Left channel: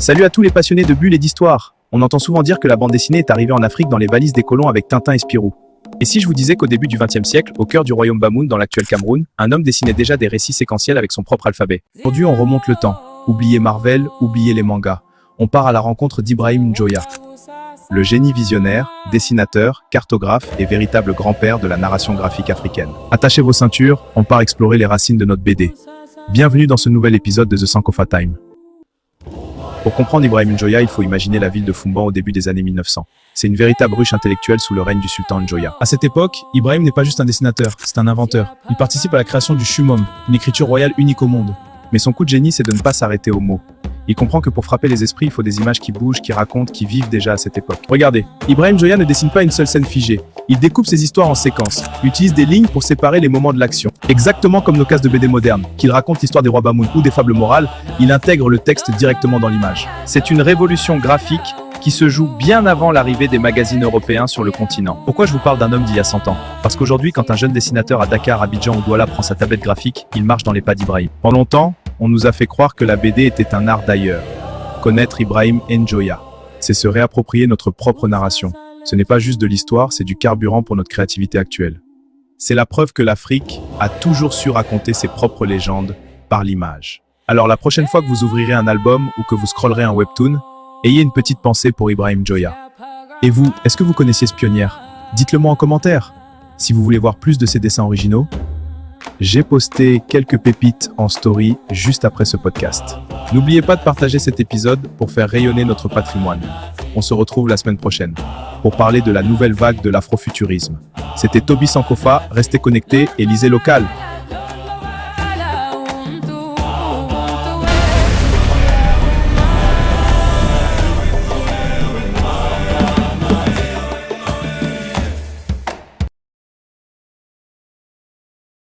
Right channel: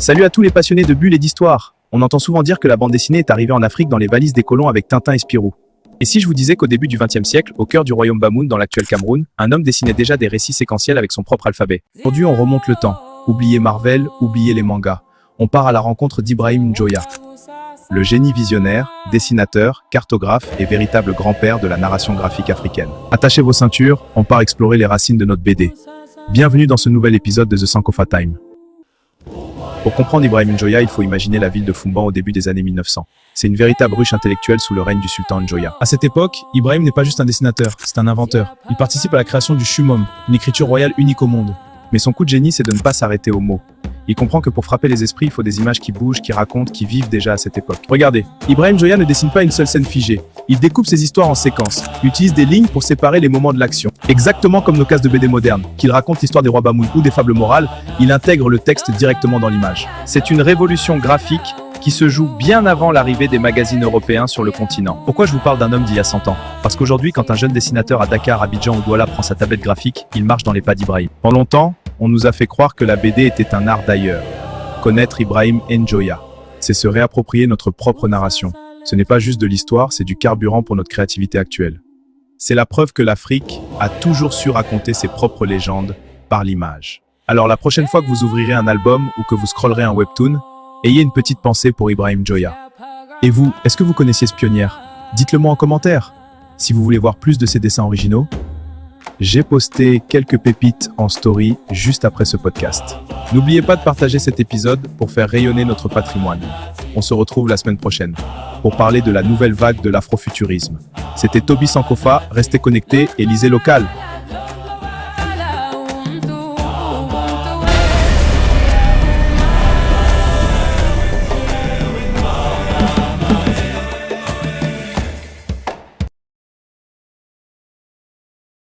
Salut à tous les passionnés de bulles et d'histoire. On entend souvent dire que la bande dessinée est arrivée en Afrique dans les valises des colons avec Tintin et Spirou. Et si je vous disais qu'au début du XXe siècle, au cœur du royaume Bamoun, dans l'actuel Cameroun, un homme dessinait déjà des récits séquentiels avec son propre alphabet. Aujourd'hui, on remonte le temps. Oubliez Marvel, oubliez les mangas. On part à la rencontre d'Ibrahim Njoya. Le génie visionnaire, dessinateur, cartographe et véritable grand-père de la narration graphique africaine. Attachez vos ceintures, on part explorer les racines de notre BD. Bienvenue dans ce nouvel épisode de The Sankofa Time. Pour comprendre Ibrahim Njoya, il faut imaginer la ville de Foumban au début des années 1900. C'est une véritable ruche intellectuelle sous le règne du sultan Njoya. À cette époque, Ibrahim n'est pas juste un dessinateur, c'est un inventeur. Il participe à la création du Shumom, une écriture royale unique au monde. Mais son coup de génie, c'est de ne pas s'arrêter aux mots. Il comprend que pour frapper les esprits, il faut des images qui bougent, qui racontent, qui vivent déjà à cette époque. Regardez, Ibrahim Njoya ne dessine pas une seule scène figée. Il découpe ses histoires en séquences. Il utilise des lignes pour séparer les moments de l'action. Exactement comme nos cases de BD modernes. Qu'il raconte l'histoire des rois Bamoun ou des fables morales, il intègre le texte directement dans l'image. C'est une révolution graphique qui se joue bien avant l'arrivée des magazines européens sur le continent. Pourquoi je vous parle d'un homme d'il y a 100 ans? Parce qu'aujourd'hui, quand un jeune dessinateur à Dakar, Abidjan ou Douala prend sa tablette graphique, il marche dans les pas d'Ibrahim. Pendant longtemps, on nous a fait croire que la BD était un art d'ailleurs. Connaître Ibrahim Njoya, c'est se réapproprier notre propre narration. Ce n'est pas juste de l'histoire, c'est du carburant pour notre créativité actuelle. C'est la preuve que l'Afrique a toujours su raconter ses propres légendes par l'image. Alors la prochaine fois que vous ouvrirez un album ou que vous scrollerez un webtoon, ayez une petite pensée pour Ibrahim Njoya. Et vous, est-ce que vous connaissiez ce pionnière? Dites-le moi en commentaire. Si vous voulez voir plus de ces dessins originaux, j'ai posté quelques pépites en story juste après ce podcast. N'oubliez pas de partager cet épisode pour faire rayonner notre patrimoine. On se retrouve la semaine prochaine pour parler de la nouvelle vague de l'afrofuturisme. C'était Toby Sankofa, restez connectés et lisez local.